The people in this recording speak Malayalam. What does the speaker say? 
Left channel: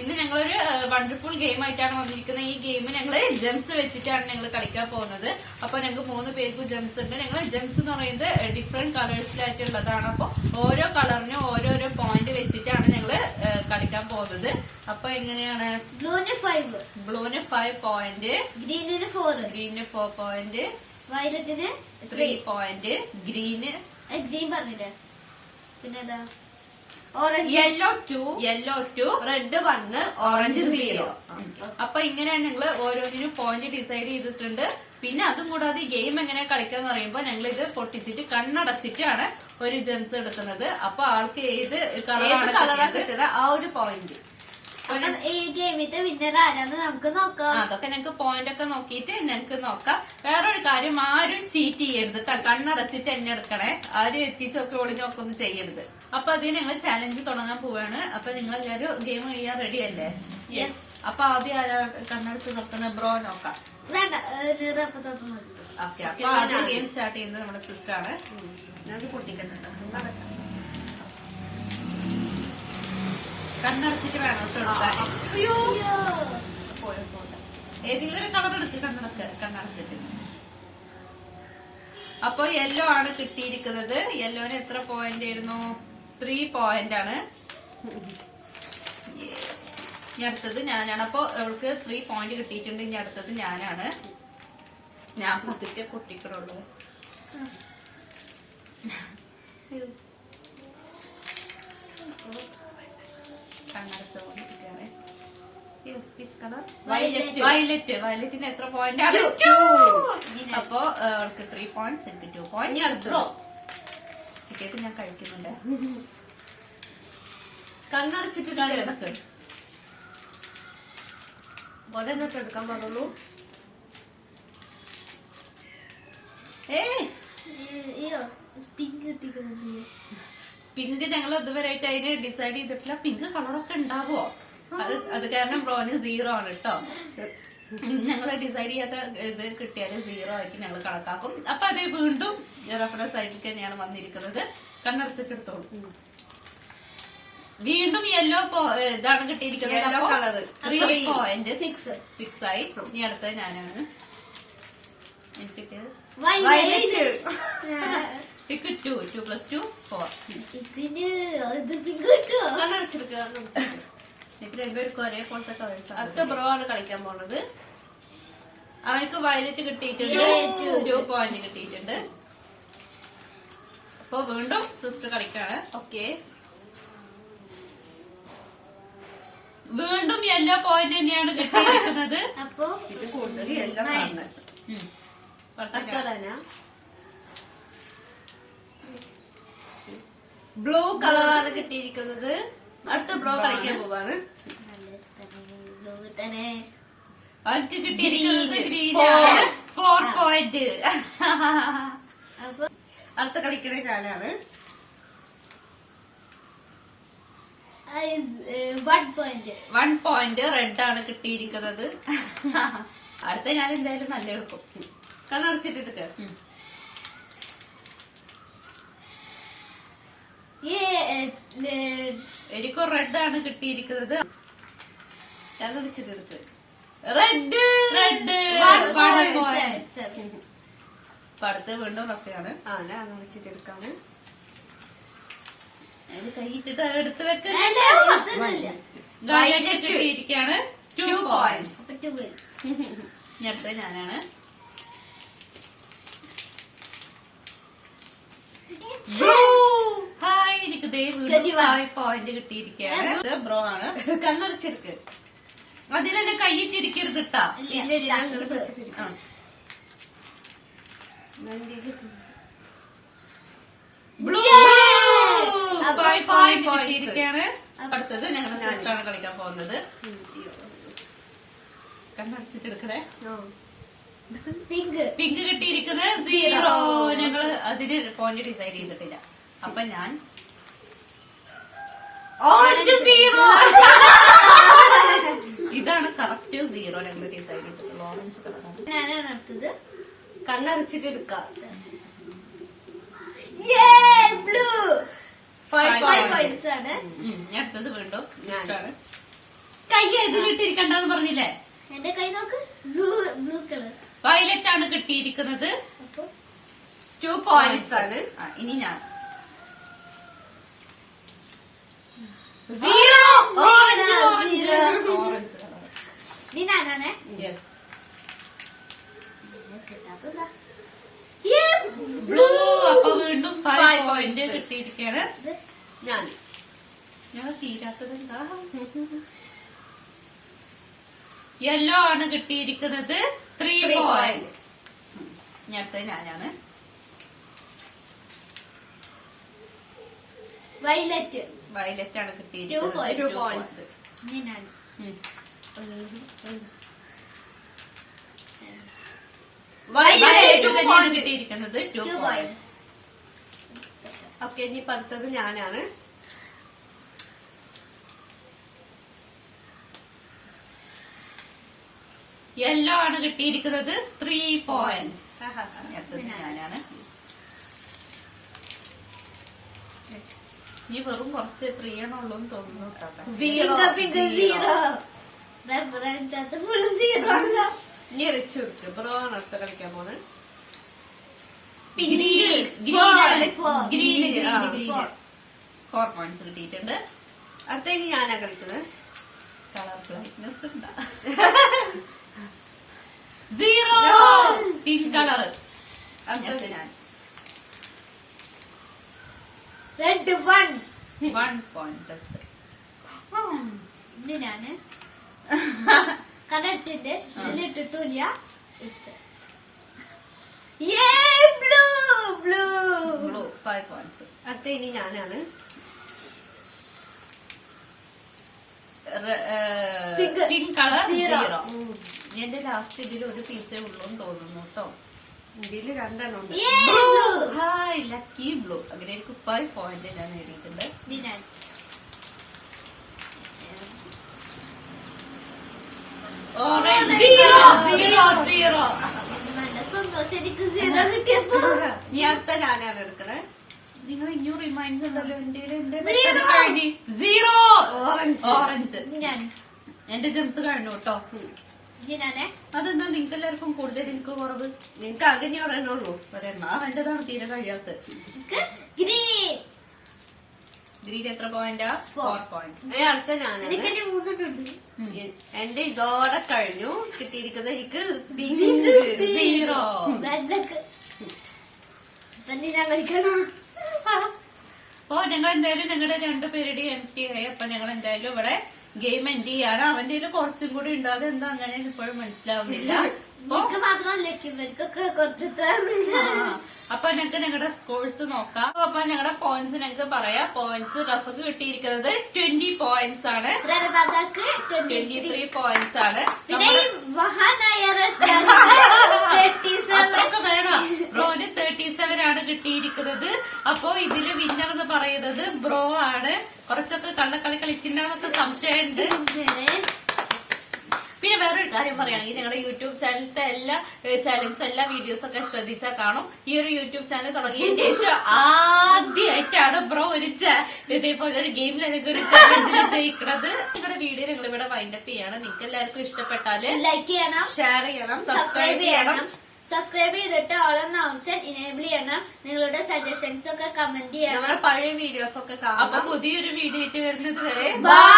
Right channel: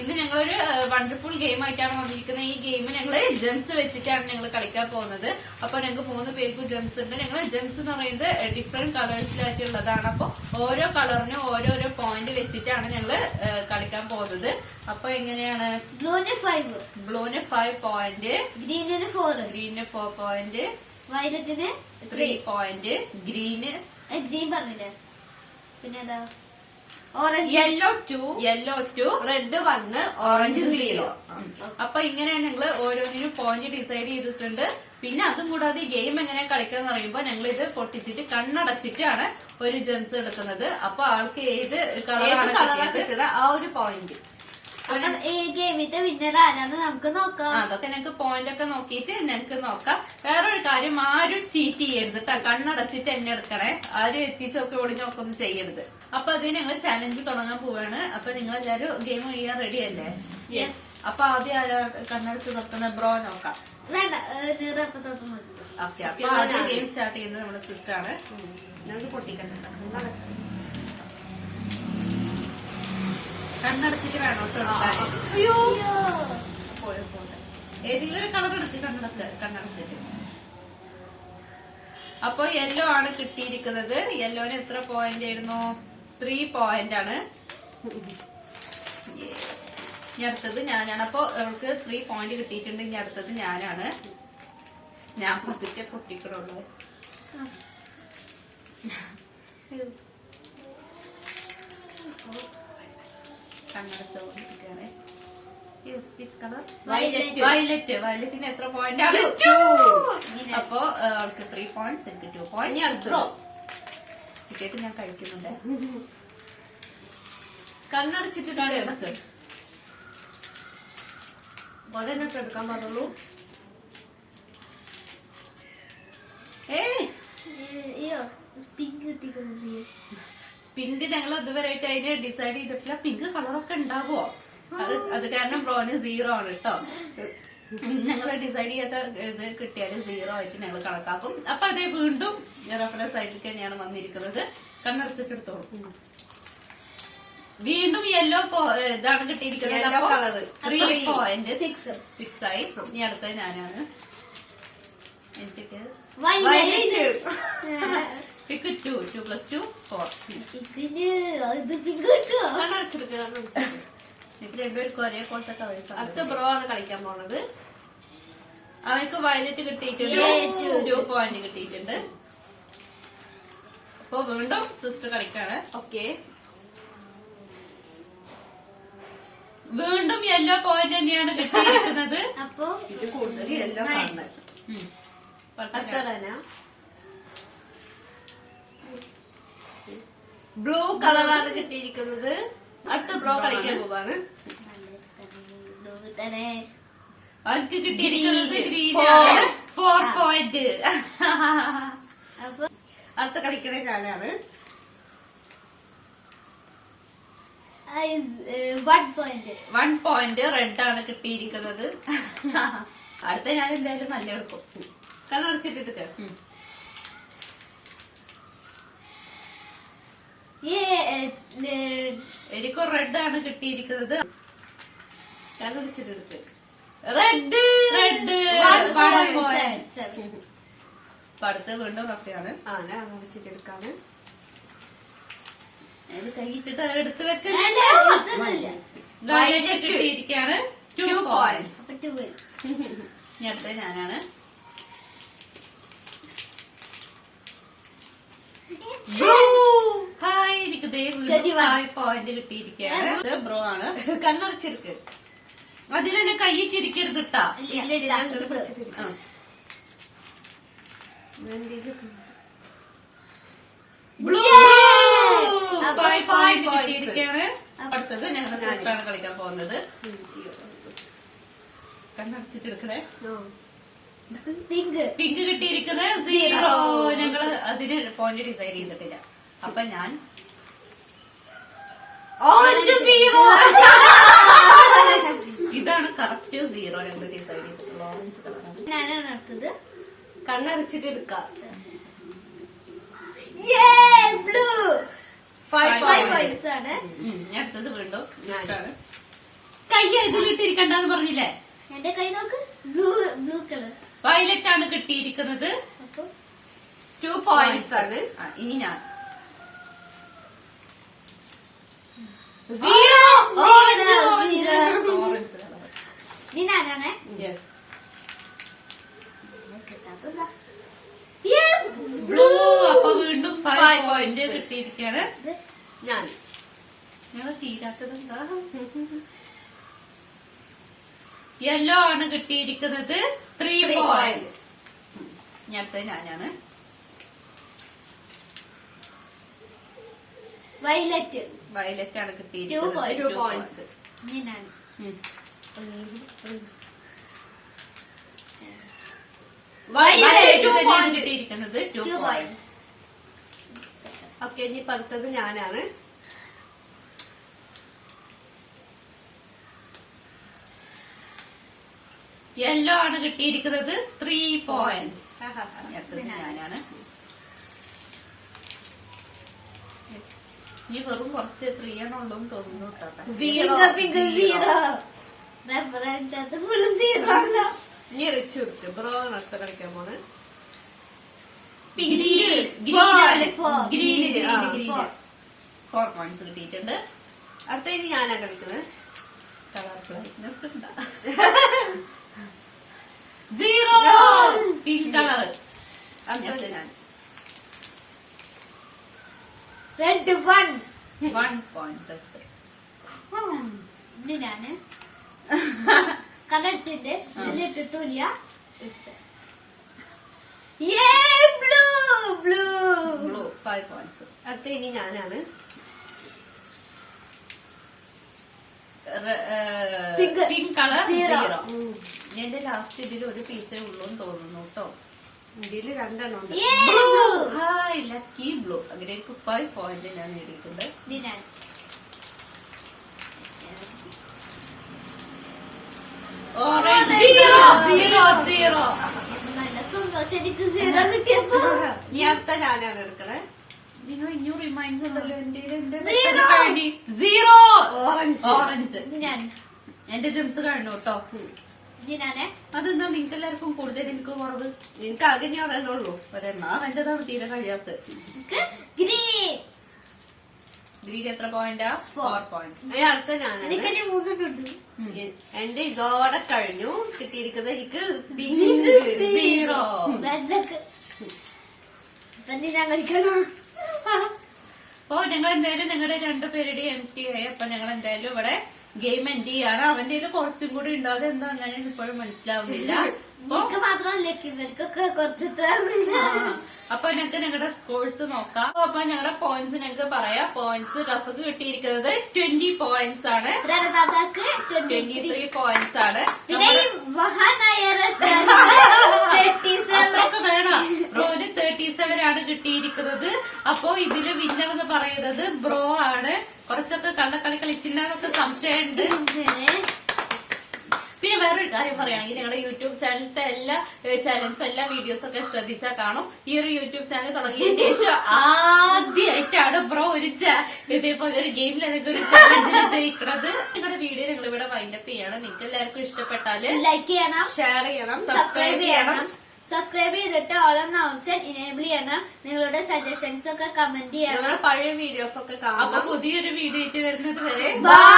ഇന്ന് ഞങ്ങളൊരു വണ്ടർഫുൾ ഗെയിം ആയിട്ടാണ് വന്നിരിക്കുന്നത്. ഈ ഗെയിം ഞങ്ങള് ജംസ് വെച്ചിട്ടാണ് ഞങ്ങൾ കളിക്കാൻ പോകുന്നത്. അപ്പൊ ഞങ്ങൾക്ക് 3 പേർക്കും ജംസ് ഉണ്ട്. ഞങ്ങൾ ജംസ് എന്ന് പറയുന്നത് ഡിഫറെന്റ് കളേഴ്സിലായിട്ടുള്ളതാണ്. അപ്പൊ ഓരോ കളറിനും ഓരോരോ പോയിന്റ് വെച്ചിട്ടാണ് ഞങ്ങള് കളിക്കാൻ പോകുന്നത്. അപ്പൊ എങ്ങനെയാണ്? ബ്ലൂന് 5 പോയിന്റ്, ഗ്രീനിന് 4, ഗ്രീനിന് 4 പോയിന്റ്, വയലറ്റിന് 3 പോയിന്റ്, ഗ്രീൻ പറഞ്ഞില്ലേ, പിന്നെ ഓറഞ്ച്, യെല്ലോ 2, റെഡ് 1, ഓറഞ്ച് 0. അപ്പൊ ഇങ്ങനെയാണ് ഞങ്ങള് ഓരോന്നിനും പോയിന്റ് ഡിസൈഡ് ചെയ്തിട്ടുണ്ട്. പിന്നെ അതും കൂടാതെ ഈ ഗെയിം എങ്ങനെ കളിക്കാന്ന് പറയുമ്പോ ഞങ്ങൾ ഇത് പൊട്ടിച്ചിട്ട് കണ്ണടച്ചിട്ടാണ് ഒരു ജെംസ് എടുക്കുന്നത്. അപ്പൊ ആൾക്ക് ഏത് കളറാണ് കിട്ടിയത് ആ ഒരു പോയിന്റ്. ഈ ഗെയിമിന്റെ വിന്നർ ആരാന്ന് നമുക്ക് നോക്കാം. അതൊക്കെ ഞങ്ങൾക്ക് പോയിന്റ് ഒക്കെ നോക്കിയിട്ട് ഞങ്ങൾക്ക് നോക്കാം. വേറൊരു കാര്യം, ആരും ചീറ്റ് ചെയ്യരുത് കേട്ടോ. കണ്ണടച്ചിട്ട് എന്നെ എടുക്കണേ. ആരും എത്തിച്ചൊക്കെ ഒളിഞ്ഞൊക്കെ ഒന്നും ചെയ്യരുത്. അപ്പൊ അതിന് ഞങ്ങൾ ചാലഞ്ച് തുടങ്ങാൻ പോവാണ്. അപ്പൊ നിങ്ങളെല്ലാരും ഗെയിം ചെയ്യാൻ റെഡി അല്ലേ? യെസ്. അപ്പൊ ആദ്യം കണ്ണടച്ച് നോക്കുന്ന ബ്രോ നോക്കാം. വേണ്ട, ഓക്കെ. അപ്പൊ ആദ്യം ഗെയിം സ്റ്റാർട്ട് ചെയ്യുന്നത് നമ്മുടെ സിസ്റ്റർ ആണ്. കണ്ണടച്ചിട്ട് വേണം എടുക്കാൻ. ഏതെങ്കിലും ഒരു കളർ എടുത്ത് കണ്ണടച്ചിട്ട്. അപ്പൊ യെല്ലോ ആണ് കിട്ടിയിരിക്കുന്നത്. യെല്ലോന് എത്ര പോയിന്റ് ആയിരുന്നു? 3 പോയിന്റ് ആണ്. ഇനി അടുത്തത് ഞാനാണ്. അപ്പൊ അവൾക്ക് 3 പോയിന്റ് കിട്ടിയിട്ടുണ്ട്. ഇനി അടുത്തത് ഞാനാണ്. ഞാൻ പതുക്കെ പൊട്ടിക്കറുള്ളൂ. കണ്ണടച്ചോണ്ടിരിക്കുകയാണ്. വയലറ്റിന് എത്ര പോയിന്റ് ആണ്? 2. അപ്പൊ അവൾക്ക് 3 പോയിന്റ്സ്, എനിക്ക് 2 പോയിന്റ്. ടിക്കറ്റ് ഞാൻ കഴിക്കുന്നുണ്ട്. കണ്ണടച്ചിട്ടിട്ടാണ് ഇടക്ക് ഒരെണ്ണിട്ട് എടുക്കാൻ പാടുള്ളൂ. പിങ്ക് ഞങ്ങൾ ഇതുവരെയായിട്ട് അതിന് ഡിസൈഡ് ചെയ്തിട്ടില്ല. പിങ്ക് കളറൊക്കെ ഉണ്ടാവോ? അത് കാരണം ബ്രോന് 0 ആണ് കേട്ടോ. ഞങ്ങൾ ഡിസൈഡ് ചെയ്യാത്ത ഇത് കിട്ടിയാല് 0 ആയിട്ട് ഞങ്ങൾ കണക്കാക്കും. അപ്പൊ അതേ വീണ്ടും റെഫറൻസ് ആയിട്ട് തന്നെയാണ് വന്നിരിക്കുന്നത്. കണ്ണടച്ചിട്ട് എടുത്തോളൂ. വീണ്ടും യെല്ലോ ഇതാണ് കിട്ടിയിരിക്കുന്നത്. 3 പോയിന്റ് 6 ആയി. ഇനി അടുത്ത ഞാനാണ്. എനിക്ക് 2 + 2 4. എനിക്ക് രണ്ടുപേർക്കും ഒരേപോലത്തെ കളേഴ്സ്. അടുത്ത ബ്രോ ആണ് കളിക്കാൻ പോകുന്നത്. അവനക്ക് വയലറ്റ് കിട്ടിയിട്ടുണ്ട്. 2 പോയിന്റ് കിട്ടിയിട്ടുണ്ട്. അപ്പൊ വീണ്ടും സിസ്റ്റർ കളിക്കാണ്. ഓക്കെ. വീണ്ടും യെല്ലോ പോയിന്റ് തന്നെയാണ് കിട്ടിയിരിക്കുന്നത്. അപ്പൊ ഇത് കൂടുതൽ യെല്ലോ ആണ്. ബ്ലൂ കളറാണ് കിട്ടിയിരിക്കുന്നത്. അടുത്ത ബ്രോ കളിക്കാൻ പോവാണ്. അവർക്ക് കിട്ടിയിരിക്കുന്നത് ഗ്രീനാണ്. 4 പോയിന്റ്. അടുത്ത കളിക്കുന്ന ഞാനാണ്. 1 പോയിന്റ് റെഡ് ആണ് കിട്ടിയിരിക്കുന്നത്. അടുത്ത ഞാൻ എന്തായാലും നല്ല എടുക്കും. കണ്ണടച്ചിട്ടിട്ട് എനിക്കും റെഡ് ആണ് കിട്ടിയിരിക്കുന്നത്. കണ്ണടച്ചിട്ടെടുത്ത് റെഡ് 1 പോയിന്റ്. അപ്പൊ അടുത്ത് വീണ്ടും റഫയാണ്. ഞാൻ കണ്ണടച്ചിട്ടെടുക്കാണ്. കൈയിട്ടിട്ട് എടുത്ത് വെക്കുന്നില്ല. വയലറ്റ് കിട്ടിയിരിക്കാണ്. 2 പോയിന്റ്സ്. ഇനി അടുത്ത ഞാനാണ്. ഹായ്, എനിക്ക് 5 പോയിന്റ് കിട്ടിയിരിക്കുകയാണ്. ബ്രോ ആണ്. കണ്ണടച്ചെടുക്ക്. അതിലെന്നെ കൈയിട്ടിരിക്കരുത് ട്ടാ. ബ്ലൂ 5 പോയിന്റ് കിട്ടിയിരിക്കുകയാണ്. അടുത്തത് ഞങ്ങളുടെ സിസ്റ്ററാണ് കളിക്കാൻ പോകുന്നത്. കണ്ണടച്ചിട്ടെടുക്കണേ. പിങ്ക് കിട്ടിയിരിക്കുന്നത് 0. ഞങ്ങള് അതിന് പോയിന്റ് ഡിസൈഡ് ചെയ്തിട്ടില്ല. അപ്പൊ ഞാൻ ഓറഞ്ച് 0. ഇതാണ് കറക്റ്റ് 0 ഞങ്ങൾ ഡിസൈഡ് ചെയ്തിട്ടുള്ള ഓറഞ്ച് കളറാണ്. ഞാനാണ് അടുത്തത്. കണ്ണടച്ചിട്ട് എടുക്കാം. Yeah! പോയിന്റ്സ് ആണ്. ഞാൻ അടുത്തത് വീണ്ടും ആണ്. കൈ ഇതിലിട്ടിരിക്കണ്ടെന്ന് പറഞ്ഞില്ലേ? എന്റെ കൈ നോക്ക്, ബ്ലൂ കളർ. വയലറ്റ് ആണ് കിട്ടിയിരിക്കുന്നത്. അപ്പൊ 2 പോയിന്റ്സ് ആണ്. ഇനി ഞാൻ ഓറഞ്ച് കളർ. ഇനി ഞാനാണേ. യെസ്. ബ്ലൂ. അപ്പൊ വീണ്ടും 5 പോയിന്റ് കിട്ടിയിരിക്കുകയാണ്. ഞാൻ ഞങ്ങൾ തീരാത്തത് എന്താ? യെല്ലോ ആണ് കിട്ടിയിരിക്കുന്നത്. 3 പോയിന്റ്സ്. ഇനി അടുത്ത ഞാനാണ്. വയലറ്റ്. വയലറ്റ് ആണ് 2 കിട്ടിയിരിക്കുന്നത്. points. 2 പോയിന്റ്സ്. ഇനി ഞാൻ. വയലറ്റ് തന്നെയാണ് കിട്ടിയിരിക്കുന്നത്. 2 2 പോയിന്റ്സ്. points. ഓക്കെ, ഇനി അടുത്തത് ഞാനാണ്. യെല്ലോ ആണ് കിട്ടിയിരിക്കുന്നത്. 3 പോയിന്റ്സ്. അടുത്തത് ഞാനാണ്. ഇനി വെറും കുറച്ച് 3 ആണുള്ളൂ എന്ന് തോന്നുന്നു കേട്ടോ. പിങ്ക് 0. റെഡ് ഫുൾ 0 അല്ല. ഇനി റിച്ച് കൊടുത്തു. ബ്രോ ആണ് അടുത്ത കളിക്കാൻ പോണ്. ഗ്രീൻ. 4 പോയിന്റ്സ് കിട്ടിയിട്ടുണ്ട്. അടുത്ത ഇനി ഞാനാ കളിക്കുന്നത്. കളർ ബ്രൈറ്റ്നെസ് ഉണ്ടാ. 0 പിങ്ക് കളർ. അടുത്തത് ഞാൻ. റെഡ് 1. 1 പോയിന്റ്. ഇനി ഞാന് കടടിച്ചിട്ട് ഇതിലിട്ടിട്ടില്ല. Blue blue. Blue 5 points. അടുത്ത ഇനി ഞാനാണ്. Pink colour Zero. 0. എന്റെ ലാസ്റ്റ് ഇതിൽ ഒരു പീസേ ഉള്ളൂ എന്ന് തോന്നുന്നു കേട്ടോ. ഇതില് 2 ഉണ്ട്. ബ്ലൂ. Hi lucky blue. അങ്ങനെ എനിക്ക് 5 പോയിന്റ് ഞാൻ നേടിയിട്ടുണ്ട്. ഇനി ഞാൻ. ഓറഞ്ച്. 0. നല്ല സന്തോഷം എനിക്ക് 0 കിട്ടിയപ്പോ. ഇനി അടുത്ത ഞാനാണ് എടുക്കണേ. നിങ്ങൾ ഇനിയും റിമൈൻഡ്സ് ഉണ്ടല്ലോ എന്റെ Zero. 0 Orange. ഓറഞ്ച്. ഞാൻ. എന്റെ ജെംസ് കഴിഞ്ഞു കേട്ടോ. ഇനി ഞാനേ. അതെന്താ നിങ്ങൾക്ക് എല്ലാവർക്കും കൂടുതൽ എനിക്ക് കുറവ്? നിനക്ക് ആകെ ഇനി ഒരെണ്ണുള്ളൂ. ഒരെണ്ണ എന്റേതാണ് തീരെ കഴിയാത്ത. ഗ്രീൻ. ഗ്രീൻ എത്ര പോയിന്റാ? 4 പോയിന്റ്സ്. ഇനി അടുത്ത ഞാനാണ്. എനിക്കെന്നെ 3 ഉണ്ട്. എന്റെ ഇതോടെ കഴിഞ്ഞു. കിട്ടിയിരിക്കുന്നത് എനിക്ക് Zero. വെള്ളക്ക്. ഇപ്പൊ നീ ഞാൻ കളിക്കണോ? അപ്പൊ ഞങ്ങൾ എന്തായാലും ഞങ്ങളുടെ 2 പേരുടെ എംടി ആയി. അപ്പൊ ഞങ്ങൾ എന്തായാലും ഇവിടെ ഗെയിം എൻഡ് ചെയ്യാണ്. അവന്റെ ഇത് കുറച്ചും കൂടി ഉണ്ട്. അതെന്താ അങ്ങനെ ഇപ്പോഴും മനസ്സിലാവുന്നില്ല. എനിക്ക് മാത്രമല്ല ഇവർക്കൊക്കെ കുറച്ച് അപ്പൊ ഞങ്ങൾക്ക് ഞങ്ങളുടെ സ്കോഴ്സ് നോക്കാം. അപ്പൊ ഞങ്ങളുടെ പോയിന്റ്സ് ഞങ്ങൾക്ക് പറയാം. പോയിന്റ്സ് റഫക്ക് കിട്ടിയിരിക്കുന്നത് 20 പോയിന്റ്സ് ആണ്. ദാദാക്ക് 23 പോയിന്റ്സ് ആണ്. പിന്നെ ഈ മഹാനായ അത്രയൊക്കെ വേണം. ബ്രോന് 37 ആണ് കിട്ടിയിരിക്കുന്നത്. അപ്പൊ ഇതില് വിന്നർ എന്ന് പറയുന്നത് ബ്രോ ആണ്. കുറച്ചൊക്കെ കള്ളക്കളി കളിച്ചില്ലെന്നൊക്കെ സംശയമുണ്ട്. പിന്നെ വേറൊരു കാര്യം പറയുകയാണെങ്കിൽ ഞങ്ങളുടെ യൂട്യൂബ് ചാനലിലത്തെ എല്ലാ ചാനൽസ് എല്ലാ വീഡിയോസ് ഒക്കെ ശ്രദ്ധിച്ചാൽ കാണും. ഈ ഒരു യൂട്യൂബ് ചാനൽ തുടങ്ങിയതിന് ശേഷം ആദ്യമായിട്ടാണ് ബ്രോ ഒരു ഇതേപോലെ ഒരു ഗെയിമിൽ എനിക്ക് ഒരു ചാലഞ്ചിൽ ജയിക്കുന്നത്. നിങ്ങളുടെ വീഡിയോ ഞങ്ങൾ ഇവിടെ വൈൻഡപ്പ് ചെയ്യാണ്. നിങ്ങൾക്ക് എല്ലാവർക്കും ഇഷ്ടപ്പെട്ടാല് ലൈക്ക് ചെയ്യണം, ഷെയർ ചെയ്യണം, സബ്സ്ക്രൈബ് ചെയ്യണം. സബ്സ്ക്രൈബ് ചെയ്തിട്ട് ഓൾ എന്ന ഓപ്ഷൻ ഇനേബിൾ ചെയ്യണം. നിങ്ങളുടെ സജഷൻസ് ഒക്കെ കമന്റ് ചെയ്യണം. നമ്മുടെ പഴയ വീഡിയോസ് ഒക്കെ അപ്പൊ കാണാം. പുതിയൊരു വീഡിയോ ആയിട്ട് വരുന്നത് വരെ ബൈ.